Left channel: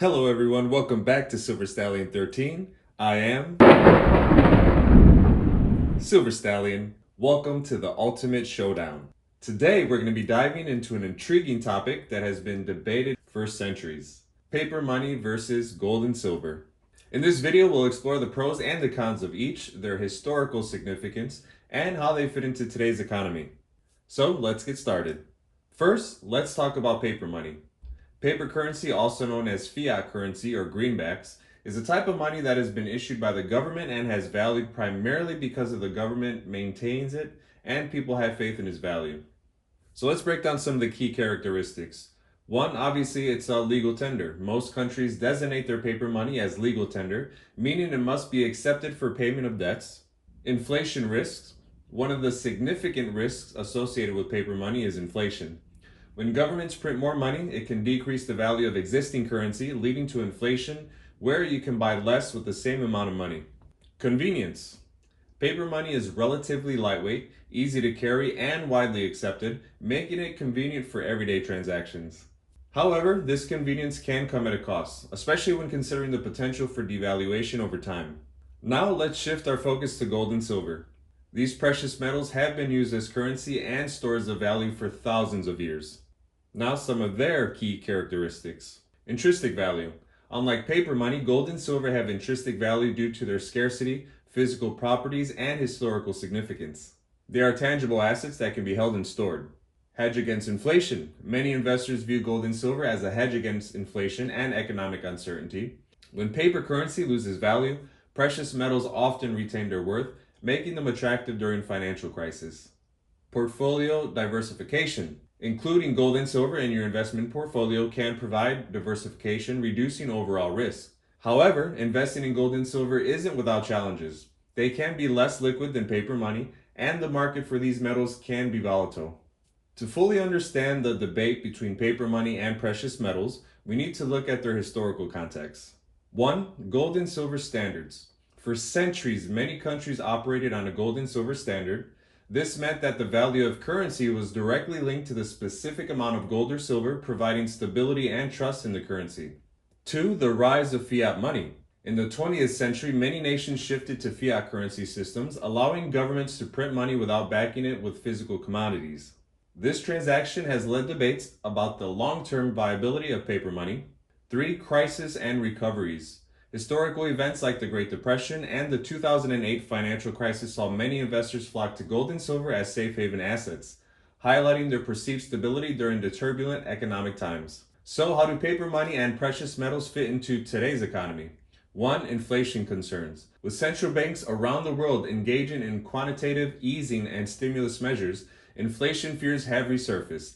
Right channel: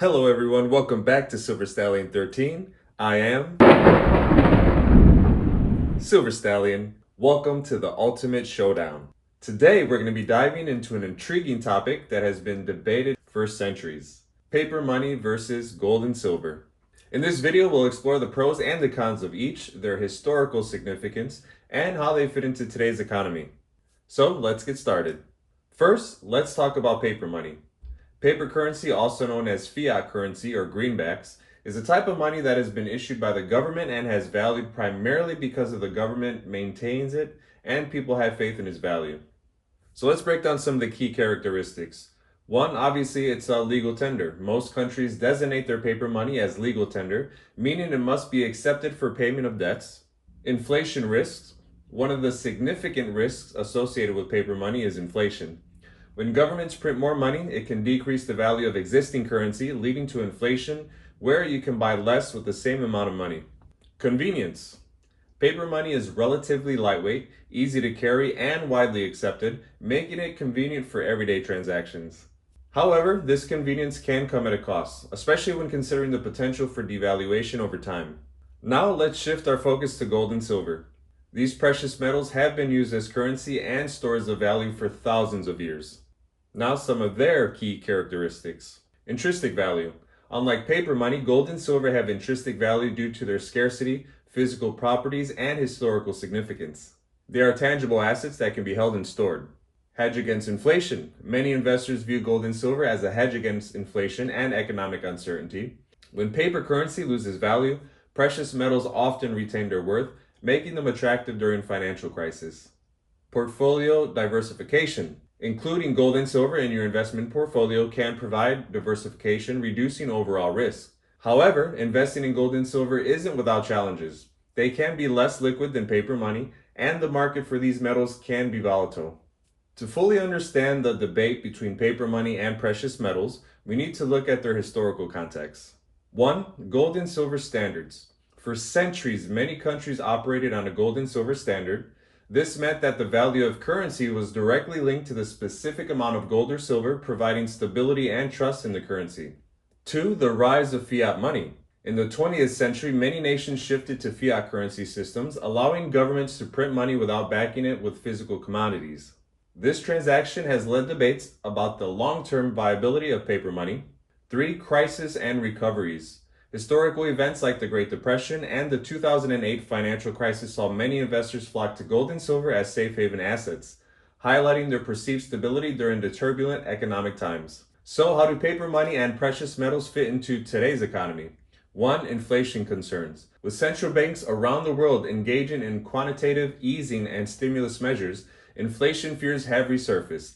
Hello everyone, welcome back to Silver Stallion 13. I am Silver Stallion. Welcome to the Ultimate Showdown. Today we're going to be diving into an intriguing topic that has been debated for centuries. Paper money versus gold and silver. In this video we'll explore the pros and the cons of each, their historical significance, and how they fit into today's economy. So let's get started. First, let's talk about paper money. Paper currency, also known as fiat currency or greenbacks, is a type of money that has been issued by the government and has value primarily because of the government maintains it and people have faith in its value. So let's break down some of the key characteristics. One, obviously, it's a legal tender. Most countries designate their paper money as legal tender, meaning it must be accepted for payment of debts. Inflation risks. One of the significant risks associated with paper money is inflation. When governments print more money, it can decrease the value of existing currency, leading to inflation, where you can buy less with the same amount of money. Convenience. Paper money is relatively lightweight, easy to carry, and widely accepted, making it convenient for everyday transactions. However, this convenience can come at a cost, especially when considering the potential for devaluation over time. Now let's shift our focus to gold and silver. These precious metals have been used as currency and stores of value for thousands of years. Now some of their key characteristics. Intrinsic value. Unlike paper money, gold and silver have intrinsic value due to their scarcity, physical properties, and historical significance. They are tangible assets that can be held and stored. Hedge against inflation. Many investors view gold and silver as a hedge against inflation and economic uncertainty. When paper currency loses value, precious metals often retain their worth, making them attractive during financial crisis. Portfolio diversification. Including gold and silver in your investment portfolio can provide diversification, reducing overall risk. However, investing in gold and silver isn't without challenges. They can be less liquid than paper money, and the market for these metals can be volatile. To fully understand the debate between paper money and precious metals, we need to look at their historical context. 1. Gold and silver standards. For centuries, many countries operated on a gold and silver standard. This meant that the value of currency was directly linked to the specific amount of gold or silver, providing stability and trust in the currency. 2. The rise of fiat money. In the 20th century, many nations shifted to fiat currency systems, allowing governments to print money without backing it with physical commodities. This transaction has led debates about the long-term viability of paper money. 3. Crisis and recoveries. Historical events like the Great Depression and the 2008 financial crisis saw many investors flock to gold and silver as safe haven assets, highlighting their perceived stability during the turbulent economic times. So how do paper money and precious metals fit into today's economy? 1. Inflation concerns. With central banks around the world engaging in quantitative easing and stimulus measures, inflation fears have resurfaced.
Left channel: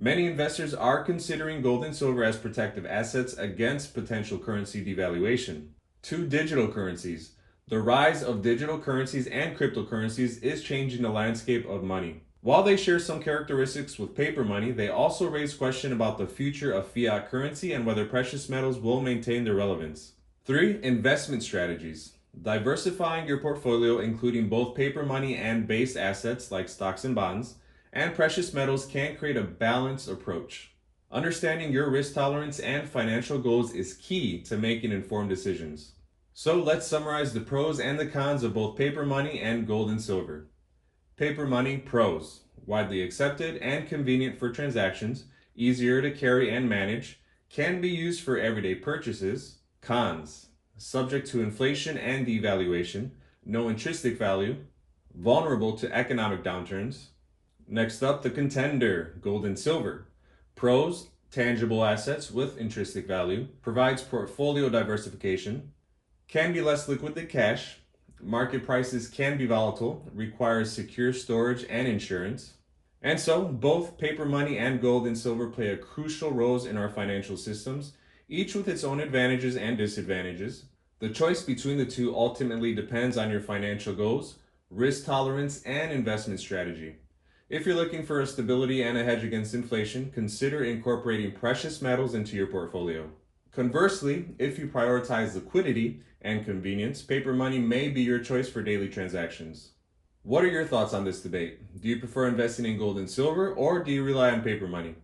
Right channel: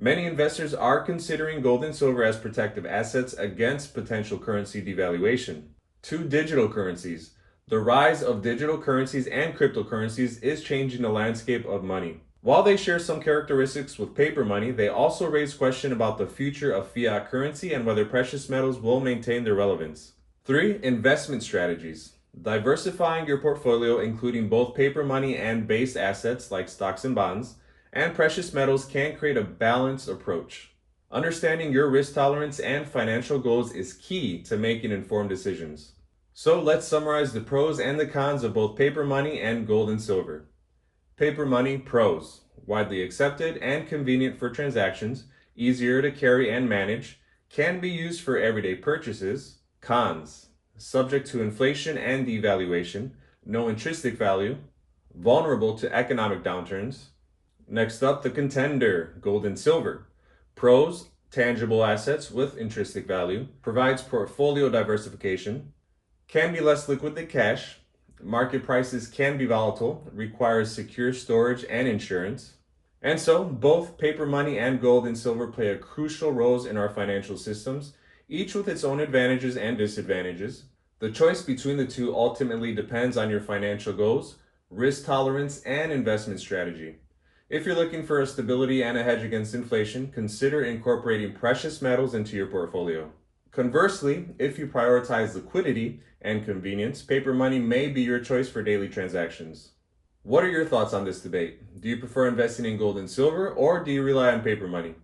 Many investors are considering gold and silver as protective assets against potential currency devaluation. 2. Digital currencies. The rise of digital currencies and cryptocurrencies is changing the landscape of money. While they share some characteristics with paper money, they also raise questions about the future of fiat currency and whether precious metals will maintain their relevance. 3. Investment strategies. Diversifying your portfolio, including both paper money and base assets like stocks and bonds, and precious metals can create a balanced approach. Understanding your risk tolerance and financial goals is key to making informed decisions. So let's summarize the pros and the cons of both paper money and gold and silver. Paper money pros: widely accepted and convenient for transactions, easier to carry and manage, can be used for everyday purchases. Cons: subject to inflation and devaluation, no intrinsic value, vulnerable to economic downturns. Next up, the contender, gold and silver. Pros: tangible assets with intrinsic value, provides portfolio diversification, can be less liquid than cash, market prices can be volatile, requires secure storage and insurance. And so, both paper money and gold and silver play a crucial roles in our financial systems, each with its own advantages and disadvantages. The choice between the two ultimately depends on your financial goals, risk tolerance, and investment strategy. If you're looking for a stability and a hedge against inflation, consider incorporating precious metals into your portfolio. Conversely, if you prioritize liquidity and convenience, paper money may be your choice for daily transactions. What are your thoughts on this debate? Do you prefer investing in gold and silver, or do you rely on paper money?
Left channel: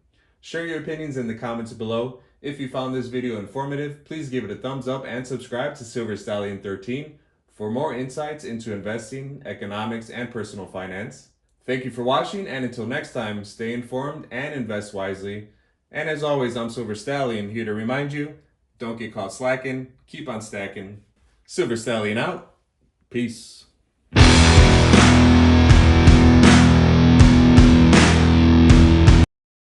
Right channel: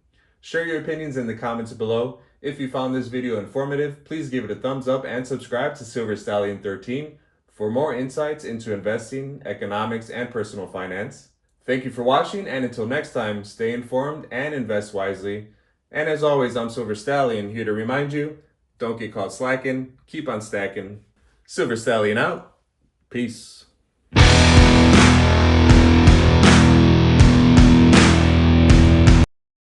Share your opinions in the comments below. If you found this video informative, please give it a thumbs up and subscribe to Silver Stallion 13 for more insights into investing, economics, and personal finance. Thank you for watching, and until next time, stay informed and invest wisely. And as always, I'm Silver Stallion, here to remind you, don't get caught slacking, keep on stacking. Silver Stallion out. Peace.